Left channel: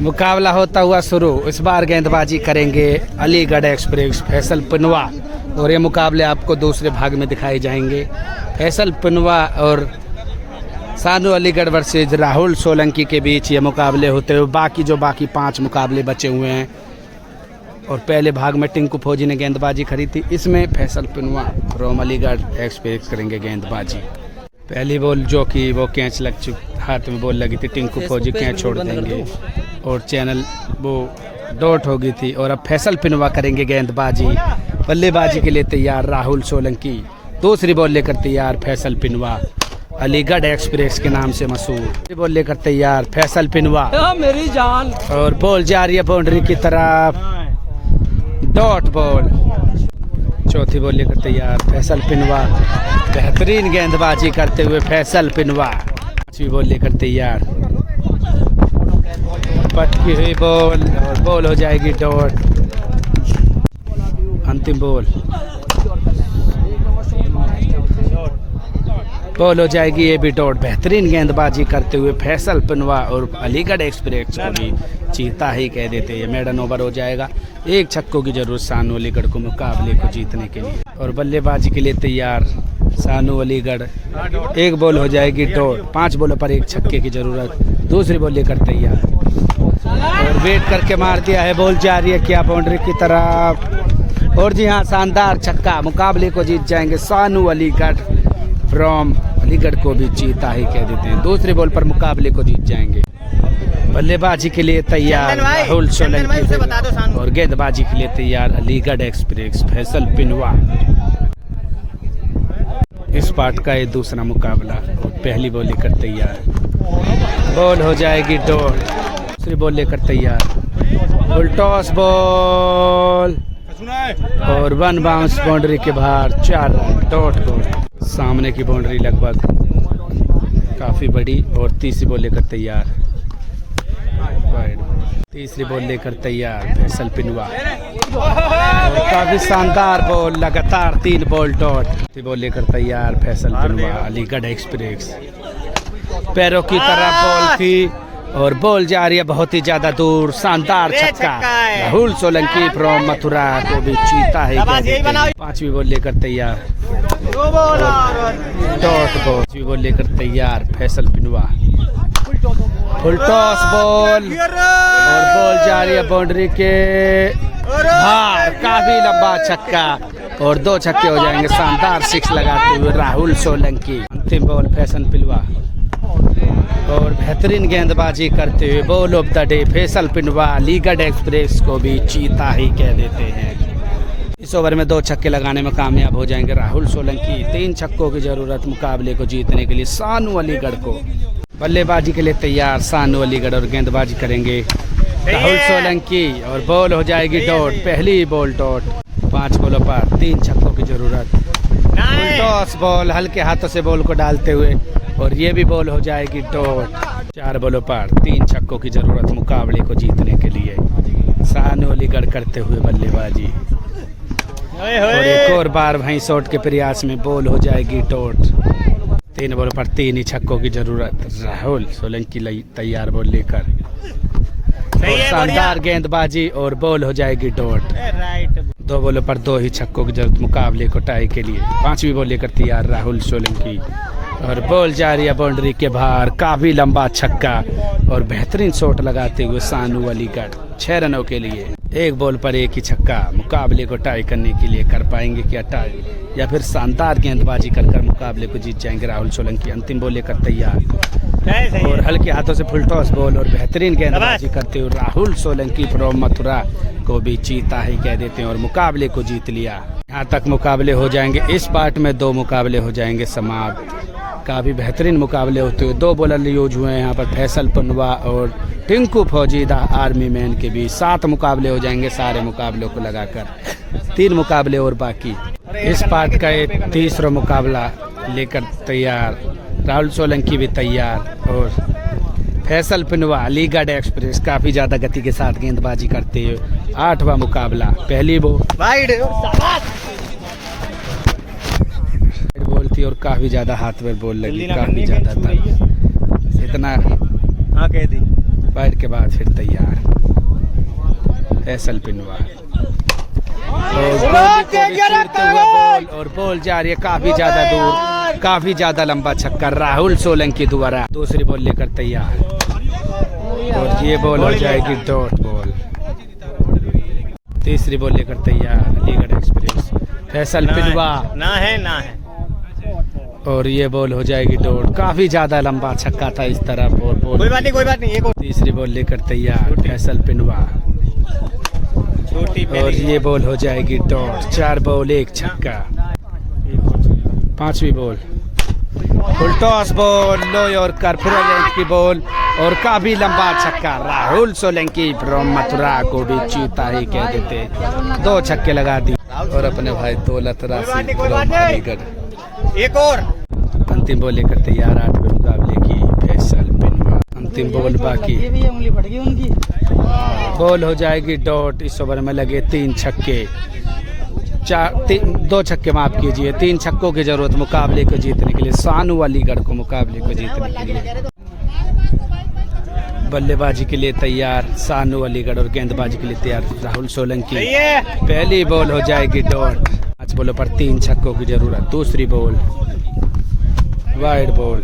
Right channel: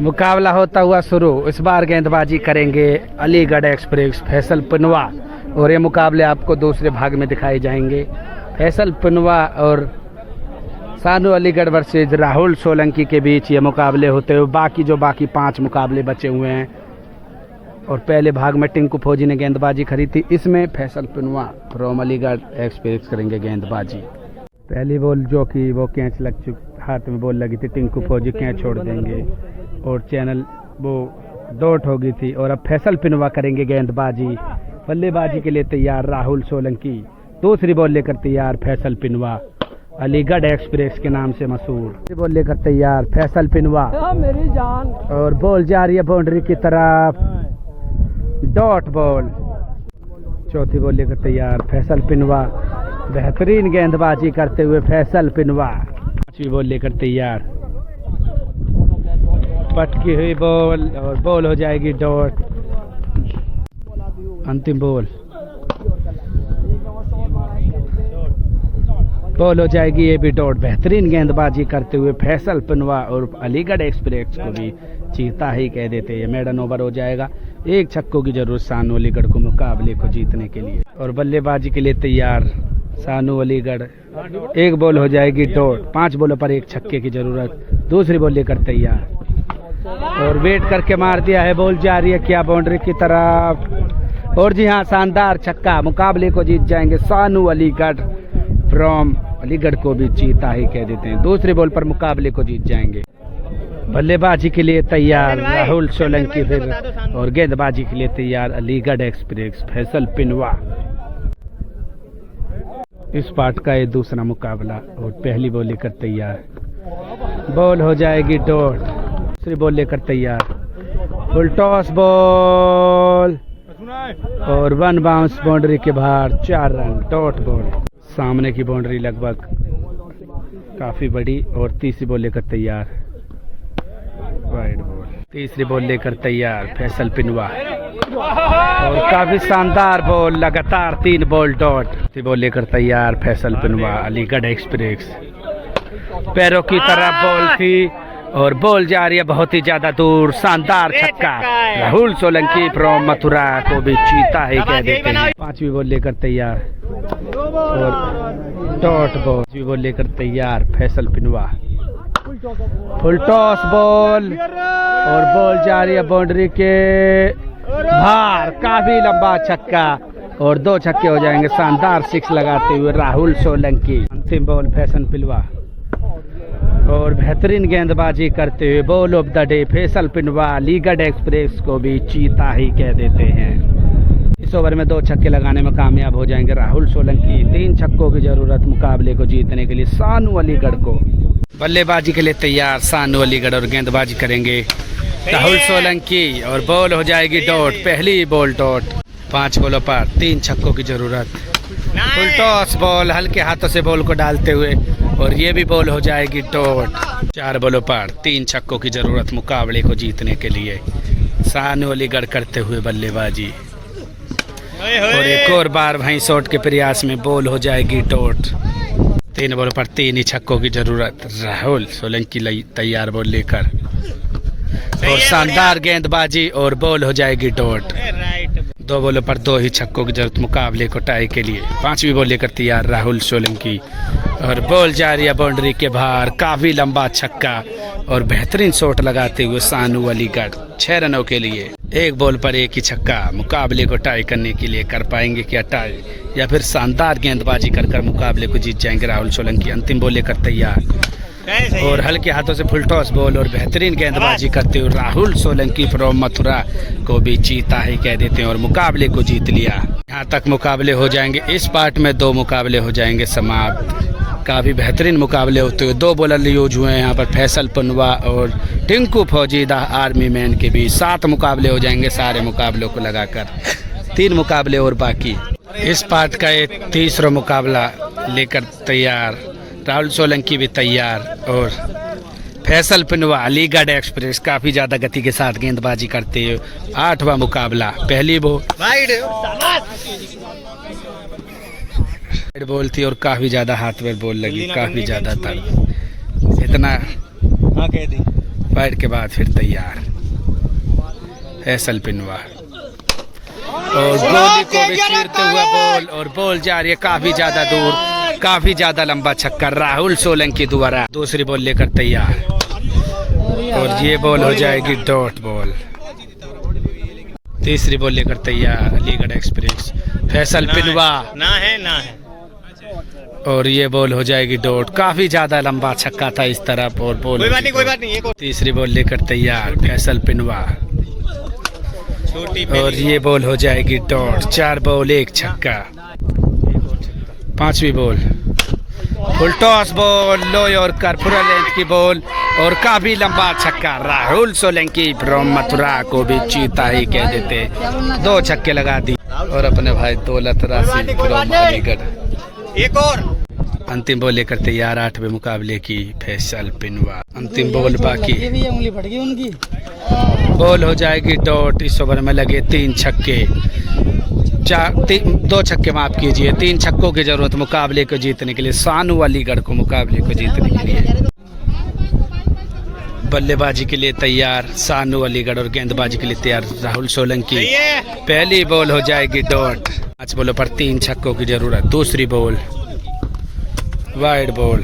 मुकाबला होता हुआ शुरू। इस बार गेंदबाजी करेंगे अलीगढ़ एक्सप्रेस फैसल पिनवा और ये मुकाबले आपको दूसरे भाग में दिखाए जाएंगे। फैसल पिनवा और सानू अलीगढ़ वर्सेज राहुल सोलंकी के बीच ये मुकाबले होते हुए बाकी 5 मुकाबले बचे हुए हैं। और पहले भाग में टिंकू फौजी ने गेंदबाजी खरी थी। इसमें फैसल पिनवा फ्रॉम अलीगढ़ एक्सप्रेस करेंगे गेंदबाजी। पहली बॉल जो कि वो कैच लग चुकी, हाथ में बॉल लगी थी, टिंकू फौजी कैच छोड़ देंगे और चैनल वो डॉट हो गई थी। और अब फैसल पिनवा करेंगे गेंदबाजी। बल्लेबाजी के लिए तैयार राहुल सोलंकी। दूसरी बॉल लेकर तैयार फैसल पिनवा, अलीगढ़ एक्सप्रेस के नाम से मशहूर। बॉल लेकर तैयार फैसल पिनवा मेरी जान। और बॉल जा रही है बाउंड्री की तरफ, डॉट बॉल। चौथी बॉल लेकर तैयार फैसल पिनवा। बेहतरीन गेंदबाजी करते हुए फैसल पिनवा। पांचवी बॉल लेकर तैयार, पटकी हुई बॉल और बॉल हो जाएगी डॉट। अंतिम बॉल, बॉल हो जाएगी ये भी डॉट। बेहतरीन गेंदबाजी करते हुए फैसल पिनवा और अलीगढ़ एक्सप्रेस को भी चीता ही कह देते हैं। मेडन ओवर हो जाएगा। 1 छक्कों की जरूरत सानू अलीगढ़ को मुकाबले को जीतने के लिए। और बल्लेबाजी के लिए तैयार सानू अलीगढ़। 1 बॉल हो जाएगी डॉट। 5 बॉलों पर 1 छक्के की जरूरत। दूसरी बॉल लेकर तैयार और वेट करके मार दिया है। बॉल जा रही है क्या बाउंड्री की तरफ। और जी हाँ, शानदार छक्का। मुकाबले को जीत जाएंगे सानू अलीगढ़ फ्रॉम अलीगढ़ को भी चीता ही कह देते हैं। दूसरी बॉल पर मुकाबले को जीत जाएंगे। बल्लेबाजी के लिए तैयार राहुल सोलंकी फिर और गेंदबाजी के लिए तैयार अलीगढ़ एक्सप्रेस फैसल पिनवा। इस पार्ट का ये दूसरा मुकाबला और पहली बॉल लेकर तैयार, बॉल हो जाएगी डॉट। दूसरी बॉल लेकर तैयार, फुल टॉस बॉल और 1 बाउंस बाउंड्री के बाहर, 4 रन, डॉट बॉल। सामने की बाउंड्री लगभग काफ़ी बड़ी। और तीसरी बॉल लेकर तैयार, वाइड बॉल। तीसरी बॉल लेकर तैयार फैसल पिनवा और काफ़ी शानदार बॉल, लगातार 3 बॉल डॉट। तीसरी बॉल लेकर तैयार फैसल पिनवा, अलीगढ़ एक्सप्रेस। पैरों की तरफ बॉल थी और बॉल जा रही है बहुत ही ज़्यादा दूर। शानदार छक्का। राहुल सोलंकी फ्रॉम मथुरा को भी चीता ही कह देते हैं। 5वीं बॉल लेकर तैयार और डॉट बॉल। 5वीं बॉल लेकर तैयार फैसल पिनवा, फुल टॉस बॉल और बॉल जा रही है बाउंड्री के बाहर। काफी लंबा छक्का और 2 छक्के हो जाएंगे। शानदार 6 लगाते हुए राहुल सोलंकी। अंतिम बॉल फैसल पिनवा और बेहतरीन गेंदबाजी करते हुए ball of the day Faisal पिनवा। अलीगढ़ एक्सप्रेस को भी चीता ही कह देते हैं। इस ओवर में 2 छक्के लगाने में कामयाब हो जाएंगे राहुल सोलंकी। 3 छक्कों की जरूरत मुकाबले को जीतने के लिए सानू अलीगढ़ को। बल्लेबाजी के लिए तैयार सानू अलीगढ़ और गेंदबाजी करेंगे राहुल सोलंकी और बॉल हो जाएगी डॉट। पहली बॉल डॉट। 5 बॉलों पर 3 छक्कों की जरूरत। फुल टॉस बॉल, हल्के हाथों से बॉल को डालते हुए और ये भी बॉल हो जाएगी डॉट। 4 बॉलों पर 3 छक्कों की जरूरत मुकाबले को जीतने के लिए। सानू अलीगढ़ करते हुए बल्लेबाजी और एक और बार वहीं शॉट के प्रयास में बॉल हो जाएगी डॉट। 3 बॉल पर 3 ही छक्कों की जरूरत। राहुल सोलंकी तैयार बॉल लेकर और शानदार गेंदबाजी और बॉल हो जाएगी डॉट। 2 बॉलों पर 2 ही छक्कों की जरूरत मुकाबले को टाई के लिए। 5वीं बॉल लेकर तैयार राहुल सोलंकी और बॉल जा रही है बाउंड्री के बाहर। काफी लंबा छक्का और बेहतरीन शॉट लगाते हुए सानू अलीगढ़ 6 रनों के लिए। 1 बॉल पर 1 ही छक्का। मुकाबले को टाई करने के लिए कर पाएंगे क्या टाई या फिर शानदार गेंदबाजी कर मुकाबले को जीत जाएंगे राहुल सोलंकी। अंतिम बॉल लेकर तैयार और हल्के हाथों से फुल टॉस बॉल और बेहतरीन गेंदबाजी करते हुए राहुल सोलंकी फ्रॉम मथुरा को भी चीता ही कह देते हैं और मुकाबले को जीत लिया। यहाँ तक मुकाबले हो जाएंगे। इस पार्ट में 2 मुकाबले हो जाएंगे समाप्त। काफ़ी बेहतरीन मुकाबले होते हुए 2 बॉलर यूज हुए हैं यहाँ पर फैसल पिनवा और टिंकू फौजी द आर्मी मैन के भी। 7 मुकाबले हो जाएंगे सारे मुकाबलों को लगाकर। 3 मुकाबले और बाकी। इस पार्ट का ये तीसरा मुकाबला लेकर तैयार राहुल सोलंकी भी तैयार और फैसल पिनवा अलीगढ़ एक्सप्रेस काफ़ी ज़्यादा गति के साथ गेंदबाजी करते हुए। 8वां मुकाबला। पहली बॉल थी और काफ़ी ज़्यादा हाथ में बॉल लगी, काफ़ी ज़्यादा दर्द। इतना वाइड के बाद फिर तैयार फैसल पिनवा और गोली को भी चीरते हुए बॉल और बॉल जा रही है काफी ज्यादा दूर, काफी ज्यादा लंबा छक्का राहुल सोलंकी द्वारा। दूसरी बॉल लेकर तैयार और ये बॉल हो जाएगी डॉट बॉल। तीसरी बॉल लेकर तैयार अलीगढ़ एक्सप्रेस फैसल पिनवा ना है और ये बॉल हो जाएगी डॉट। काफी ज्यादा लंबा छक्का था इस तरफ और बॉल कोई बात नहीं। तीसरी बॉल लेकर तैयार फैसल पिनवा और ये बॉल हो जाएगी डॉट। 4 बॉल 1 छक्का। पांचवी बॉल फुल टॉस बॉल लो और कर्पूरा लेंथ की बॉल और काफी लंबा छक्का राहुल सोलंकी फ्रॉम मथुरा को भी चीता ही कह देते। 2 छक्के लगा दी और अपने भाई दौलत राशि फ्रॉम अलीगढ़। एक और अंतिम बॉल लेकर तैयार 8वें मुकाबले की फैसल पिनवा। अंतिम बॉल बाकी, बॉल हो जाएगी डॉट। इस ओवर में लगे 3 छक्के, 2 छक्के माफ कीजिए, 3 छक्कों की जरूरत मुकाबले को जीतने के लिए, सानू अलीगढ़ को मुकाबले को जीतने के लिए। बल्लेबाजी के लिए तैयार सानू अलीगढ़ और गेंदबाजी के लिए तैयार राहुल सोलंकी। पहली बॉल हो जाएगी डॉट। 5 बॉलों पर 3 छक्कों की जरूरत। दूसरी बॉल वाइड बॉल,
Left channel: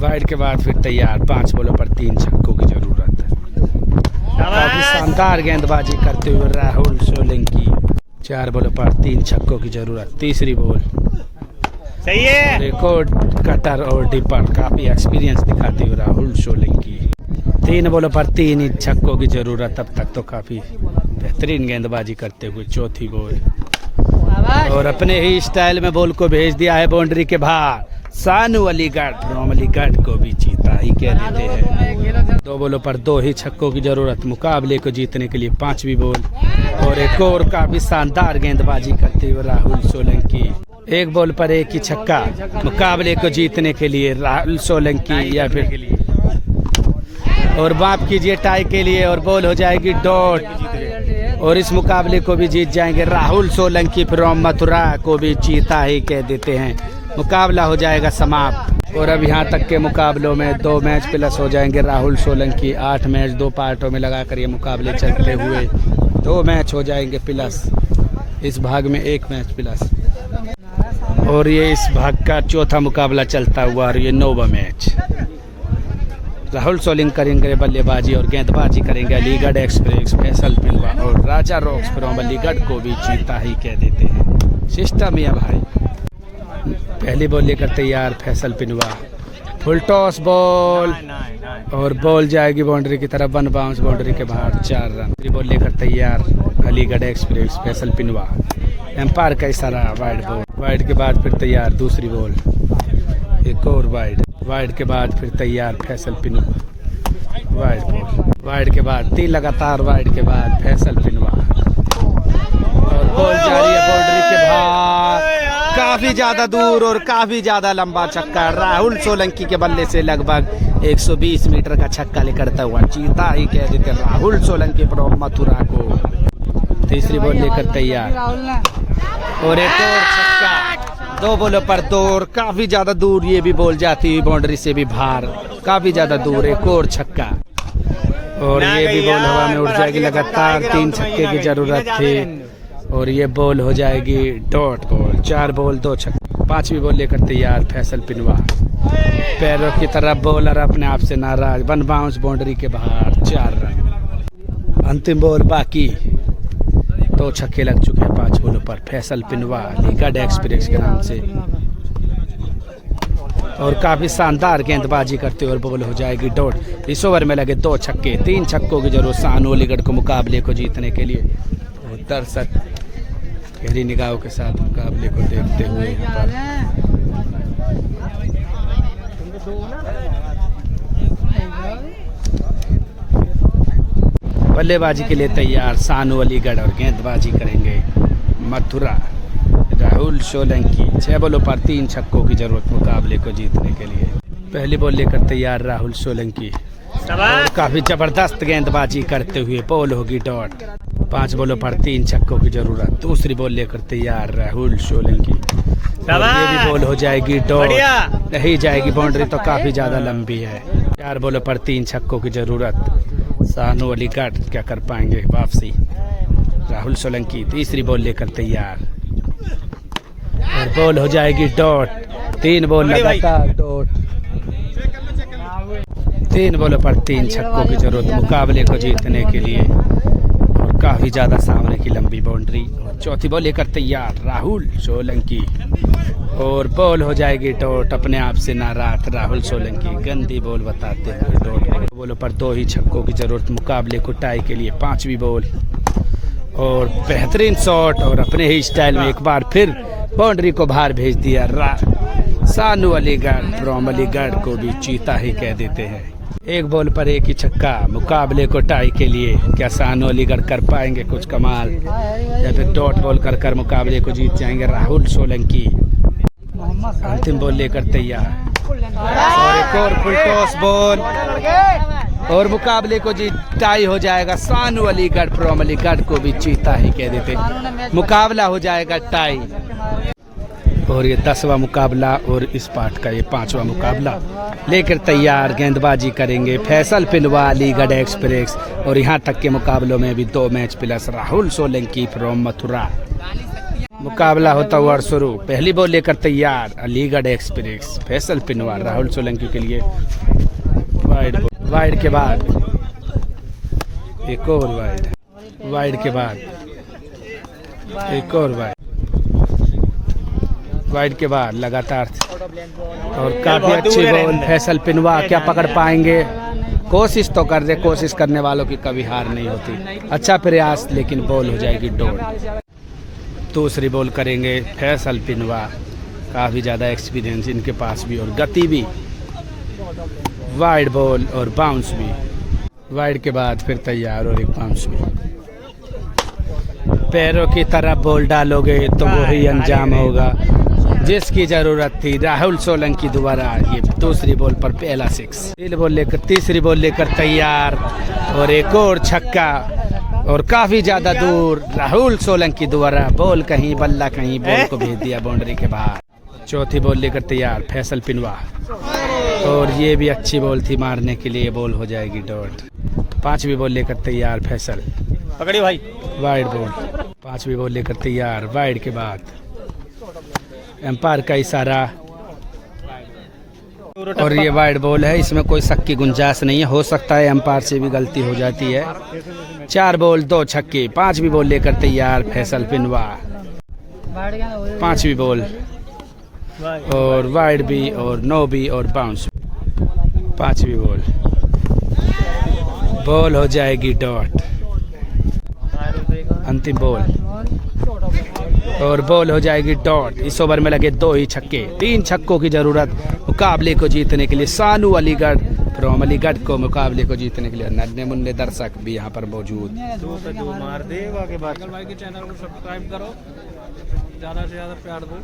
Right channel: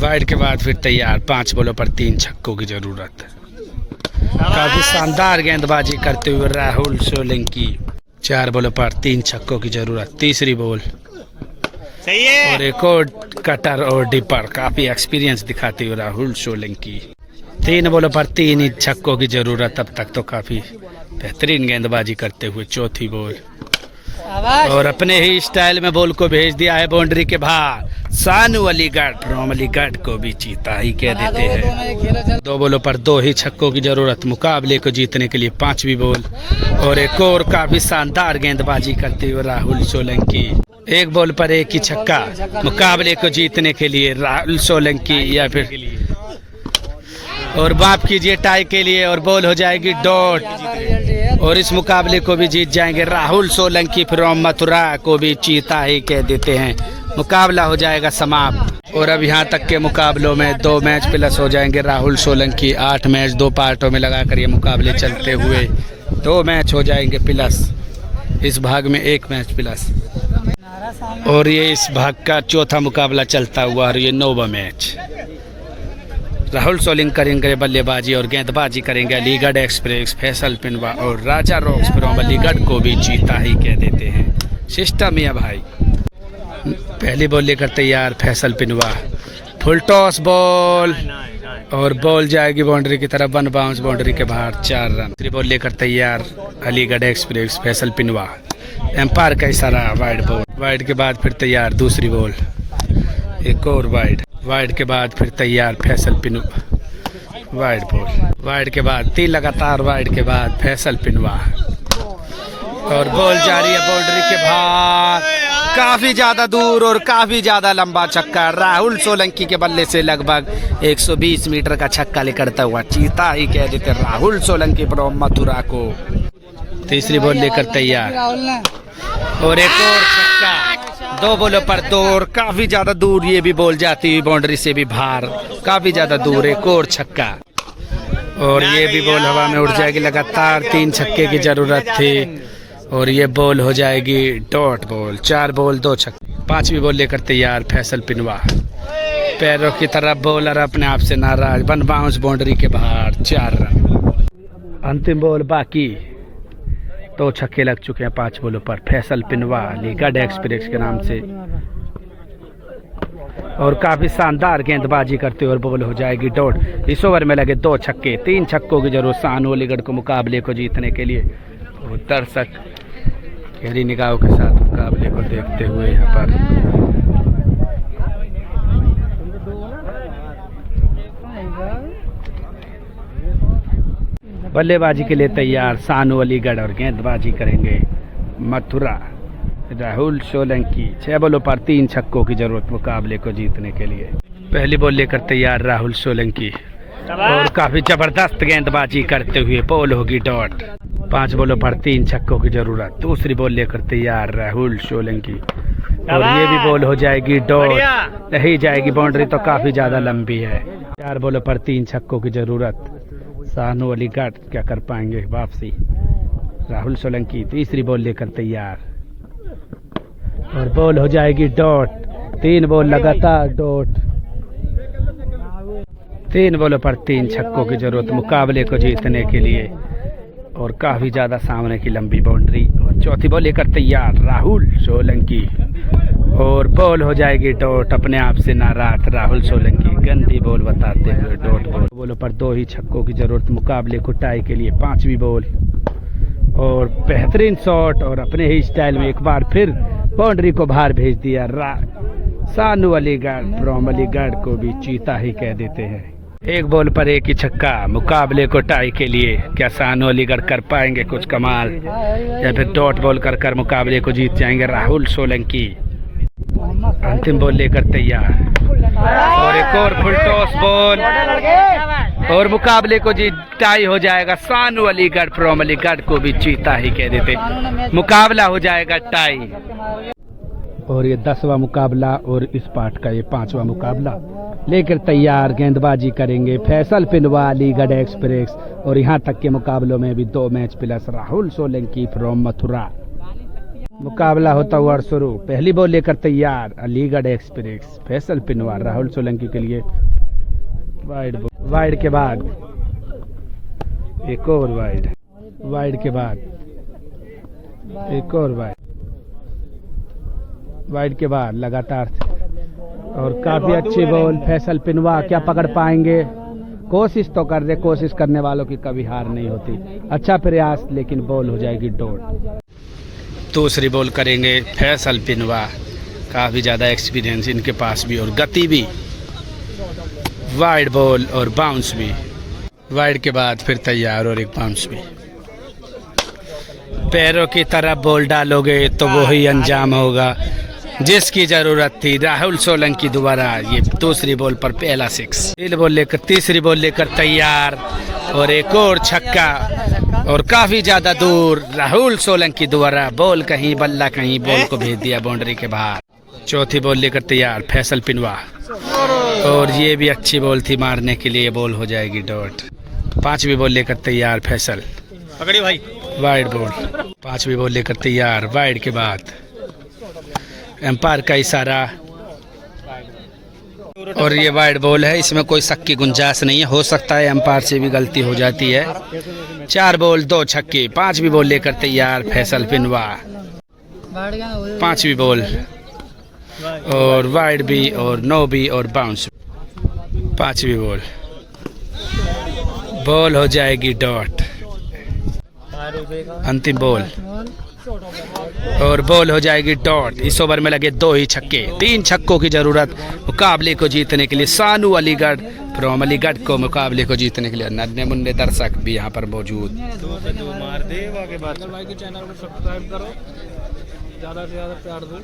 वाइड के बाद फिर तैयार 5 बॉलों पर 3 छक्कों की जरूरत। काफी शानदार गेंदबाजी करते हुए राहुल सोलंकी। 4 बॉलों पर 3 छक्कों की जरूरत। तीसरी बॉल सही है और एक और कटर और डिपर। काफी एक्सपीरियंस दिखाते हुए राहुल सोलंकी। 3 बॉलों पर 3 ही छक्कों की जरूरत। अब तक तो काफी बेहतरीन गेंदबाजी करते हुए चौथी बॉल और अपने ही स्टाइल में बॉल को भेज दिया है बाउंड्री के बाहर। सानू अलीगढ़ फ्रॉम अलीगढ़ को भी चीता ही कह देते हैं। 2 बॉलों पर 2 ही छक्कों की जरूरत मुकाबले को जीतने के लिए। 5वीं बॉल और एक और काफी शानदार गेंदबाजी करते हुए राहुल सोलंकी। 1 बॉल पर 1 ही छक्का मुकाबले को जीतने के लिए राहुल सोलंकी या फिर और माफ कीजिए टाई के लिए और बॉल हो जाएगी डॉट और इस मुकाबले को भी जीत जाएंगे राहुल सोलंकी फ्रॉम मथुरा को भी चीता ही कह देते हैं। मुकाबला हो जाएगा समाप्त और अब यहाँ तक के मुकाबलों में 2 मैच प्लस हो जाएंगे राहुल सोलंकी। 8 मैच 2 पार्टों में लगाकर ये मुकाबले चलते हुए 2 मैच हो जाएंगे प्लस। इस भाग में 1 मैच प्लस और ये इस भाग का चौथा मुकाबला चलता हुआ और ये 9वां मैच। राहुल सोलंकी करेंगे बल्लेबाजी और गेंदबाजी करेंगे अलीगढ़ एक्सप्रेस फैसल पिनवा और राजा रॉक्स फ्रॉम अलीगढ़ को भी चीता ही कह देते हैं। सिस्टम या भाई। पहली बॉल लेकर तैयार फैसल पिनवा। फुल टॉस बॉल और बॉल जाएगी बाउंड्री की तरफ। 1 बाउंस बाउंड्री के बाहर 4 रन। दूसरी बॉल लेकर तैयार अलीगढ़ एक्सप्रेस फैसल पिनवा। एम्पायर का इशारा वाइड बॉल। वाइड के बाद फिर तैयार दूसरी बॉल एक और वाइड। वाइड के बाद फिर तैयार फैसल पिनवा। वाइड बॉल वाइड के बाद 3 लगातार वाइड के बाद फैसल पिनवा और बॉल जारी है बाउंड्री के बाहर काफी ज्यादा दूर और काफी ज्यादा लंबा छक्का। राहुल सोलंकी के बल्ले से लगभग 120 मीटर का छक्का लेकर हुआ चीता ही कह देते राहुल सोलंकी फ्रॉम मथुरा को। तीसरी बॉल लेकर तैयार और एक और छक्का। 2 बॉलों पर 2 और काफी ज्यादा दूर ये भी बॉल जाती हुई बाउंड्री से भी बाहर काफी ज्यादा दूर। एक और छक्का और ये भी बॉल हवा में उड़ जाएगी। लगातार 3 छक्के की जरूरत थी और ये बॉल हो जाएगी डॉट बॉल। 4 बॉल 2 छक्के। 5वीं बॉल लेकर तैयार फैसल पिनवा। पैरों की तरफ बॉलर अपने आप से नाराज। 1 बाउंस बाउंड्री के बाहर 4 रन। अंतिम बॉल बाकी। 2 छक्के लग चुके हैं 5 बॉलों पर फैसल पिनवा अलीगढ़ एक्सप्रेस के नाम से और काफी शानदार गेंदबाजी करते हुए बॉल हो जाएगी डॉट। इस ओवर में लगे 2 छक्के। 3 छक्कों की जरूरत सानू अलीगढ़ को मुकाबले को जीतने के लिए। और दर्शक गहरी निगाहों के साथ मुकाबले को देखते हुए यहाँ पर बल्लेबाजी के लिए तैयार सानू अलीगढ़ और गेंदबाजी करेंगे मथुरा राहुल सोलंकी। 6 बॉलों पर 3 छक्कों की जरूरत मुकाबले को जीतने के लिए। पहली बॉल लेकर तैयार राहुल सोलंकी और काफी जबरदस्त गेंदबाजी करते हुए बॉल होगी डॉट। 5 बॉलों पर 3 छक्कों की जरूरत। दूसरी बॉल लेकर तैयार राहुल सोलंकी और ये भी बॉल हो जाएगी डॉट। नहीं जाएगी बाउंड्री तो काफी ज्यादा लंबी है। 4 बॉलों पर 3 छक्कों की जरूरत। सानू अलीगढ़ क्या कर पाएंगे वापसी। राहुल सोलंकी तीसरी बॉल लेकर तैयार और बॉल हो जाएगी डॉट। 3 बॉल लगातार डॉट। 3 बॉलों पर 3 छक्कों की जरूरत मुकाबले को जीतने के लिए और काफी ज्यादा सामने की लंबी बाउंड्री। और चौथी बॉल लेकर तैयार राहुल सोलंकी और बॉल हो जाएगी डॉट। अपने आप से नाराज राहुल सोलंकी गंदी बॉल बताते हुए डॉट बॉल। बॉलों पर 2 ही छक्कों की जरूरत मुकाबले को टाई के लिए। 5वीं बॉल और बेहतरीन शॉट और अपने ही स्टाइल में एक बार फिर बाउंड्री को बाहर भेज दिया। सानू अलीगढ़ फ्रॉम अलीगढ़ को भी चीता ही कह देते हैं। 1 बॉल पर 1 ही छक्का मुकाबले को टाई के लिए। क्या सानू अलीगढ़ कर पाएंगे कुछ कमाल या फिर डॉट बॉल कर मुकाबले को जीत जाएंगे राहुल सोलंकी। अंतिम बॉल लेकर तैयार और एक और फुल टॉस बॉल और मुकाबले को जीत टाई हो जाएगा। सानू अलीगढ़ फ्रॉम अलीगढ़ को भी चीता ही कह देते। मुकाबला हो जाएगा टाई और ये 10वां मुकाबला और इस पार्ट का ये 5वां मुकाबला लेकर तैयार। गेंदबाजी करेंगे फैसल पिनवा अलीगढ़ एक्सप्रेस और यहाँ तक के मुकाबलों में भी 2 match plus Rahul Solanki from Mathura. मुकाबला होता हुआ शुरू। पहली बॉल लेकर तैयार अलीगढ़ एक्सप्रेस फैसल पिनवा राहुल सोलंकी के लिए। वाइड के बाद एक और वाइड के बाद एक और वाइड के बाद लगातार और काफी अच्छी बॉल। फैसल पिनवा क्या पकड़ पाएंगे। कोशिश तो कर दे, कोशिश करने वालों की कभी हार नहीं होती। अच्छा प्रयास लेकिन बॉल हो जाएगी डॉट। दूसरी बॉल करेंगे फैसल पिनवा। काफी ज्यादा एक्सपीरियंस इनके पास भी और गति भी। वाइड बॉल और बाउंस भी। वाइड के बाद फिर तैयार और एक बाउंस भी। पैरों की तरफ बॉल डालोगे तो वो ही अंजाम होगा जिसकी जरूरत थी। राहुल सोलंकी द्वारा ये दूसरी बॉल पर पहला 6। तीसरी बॉल लेकर तैयार और एक और छक्का और काफी ज्यादा दूर राहुल सोलंकी द्वारा बॉल कहीं बल्ला कहीं बॉल को भेज दिया बाउंड्री के बाहर। चौथी बॉल लेकर तैयार फैसल पिनवा और ये भी अच्छी बॉल थी मारने के लिए। बॉल हो जाएगी डॉट। 5वीं बॉल लेकर तैयार फैसल पकड़ी भाई वाइड बॉल। 5वीं बॉल लेकर तैयार वाइड के बाद एम्पायर का इशारा और ये वाइड बॉल है। इसमें कोई शक की गुंजाइश नहीं है। हो सकता है एम्पायर से भी गलती हो जाती है। 4 बॉल 2 छक्के। 5वीं बॉल लेकर तैयार फैसल पिनवा। 5वीं बॉल और वाइड भी और नो भी और बाउंस। 5वीं बॉल हो जाएगी डॉट। अंतिम बॉल और बॉल हो जाएगी डॉट। इस ओवर में लगे 2 ही छक्के। 3 छक्कों की जरूरत मुकाबले को जीतने के लिए। सानू अलीगढ़ फ्रॉम अलीगढ़ को मुकाबले को जीतने के लिए। नन्हे मुन्ने दर्शक भी यहाँ पर मौजूद। चैनल को सब्सक्राइब करो, ज़्यादा से ज़्यादा प्यार दो।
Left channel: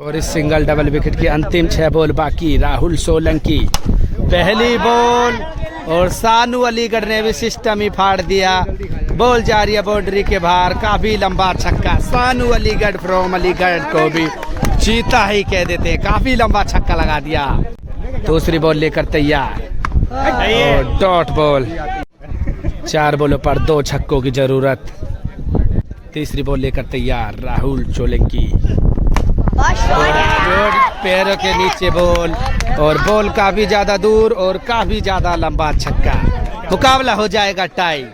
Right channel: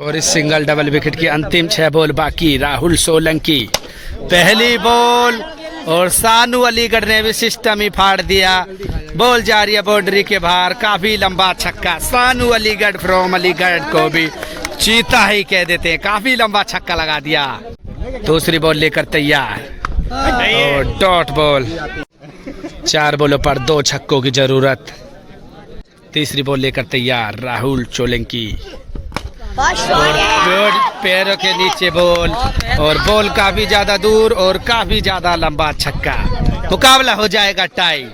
और इस सिंगल डबल विकेट की अंतिम 6 बॉल बाकी। राहुल सोलंकी पहली बॉल और सानू अलीगढ़ ने भी सिस्टम ही फाड़ दिया। बॉल जा रही है बाउंड्री के बाहर। काफी लंबा छक्का। सानू अलीगढ़ फ्रॉम अलीगढ़ को भी चीता ही कह देते हैं। काफी लंबा छक्का लगा दिया। दूसरी बॉल लेकर तैयार और डॉट बॉल। 4 बॉलों पर 2 छक्कों की जरूरत। तीसरी बॉल लेकर तैयार राहुल सोलंकी और पैरों के नीचे बॉल और बॉल काफी ज्यादा दूर और काफी ज्यादा लंबा छक्का। मुकाबला हो जाएगा टाई।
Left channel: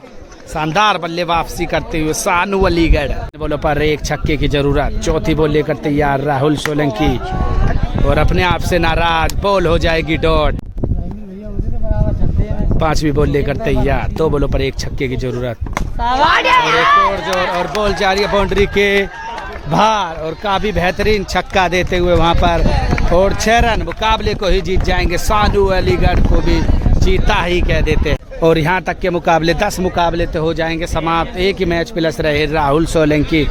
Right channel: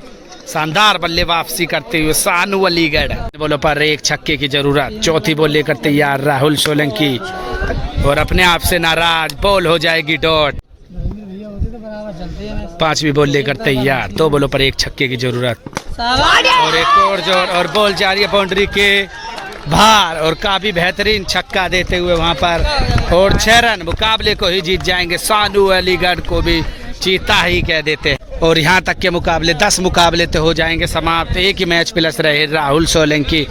शानदार बल्ले वापसी करते हुए सानू अलीगढ़। बॉलों पर 1 छक्के की जरूरत। चौथी बॉल लेकर तैयार राहुल सोलंकी और अपने आप से नाराज। बॉल हो जाएगी डॉट। 5वीं बॉल लेकर तैयार। 2 बॉलों पर 1 छक्के की जरूरत और एक और जोर और बॉल जा रही है बाउंड्री के बाहर और काफी बेहतरीन छक्का देते हुए वहां पर और 6 रन मुकाबले को ही जीत जाएंगे। सानू अलीगढ़ को भी चीता ही कह देते हैं और यहाँ तक के मुकाबले 10 मुकाबले तो हो जाएंगे समाप्त। 1 ही मैच प्लस रहे Rahul Solanki.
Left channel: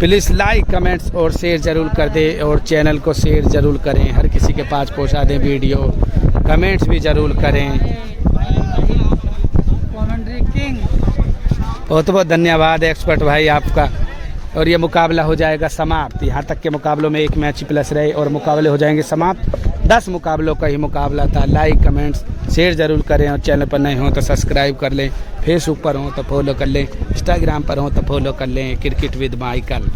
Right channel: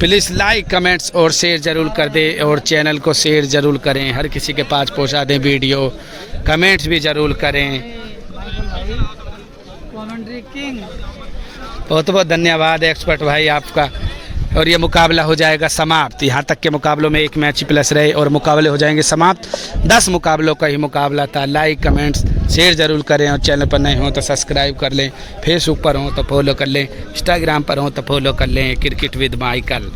Please like comments और शेयर जरूर कर दें और चैनल को शेयर जरूर करें। हर किसी के पास पहुँचा दें वीडियो। कमेंट्स भी जरूर करें। बहुत बहुत धन्यवाद एक्सपर्ट भाई आपका। और ये मुकाबला हो जाएगा समाप्त। यहाँ तक के मुकाबलों में 1 मैच प्लस रहे और मुकाबले हो जाएंगे समाप्त। 10 मुकाबलों का ही मुकाबला था। लाइक कमेंट्स शेयर ज़रूर करें और चैनल पर नए हों तो सब्सक्राइब कर लें। फेसबुक पर हों तो फॉलो कर लें, इंस्टाग्राम पर हों तो फॉलो कर लें क्रिकेट विद माइकल।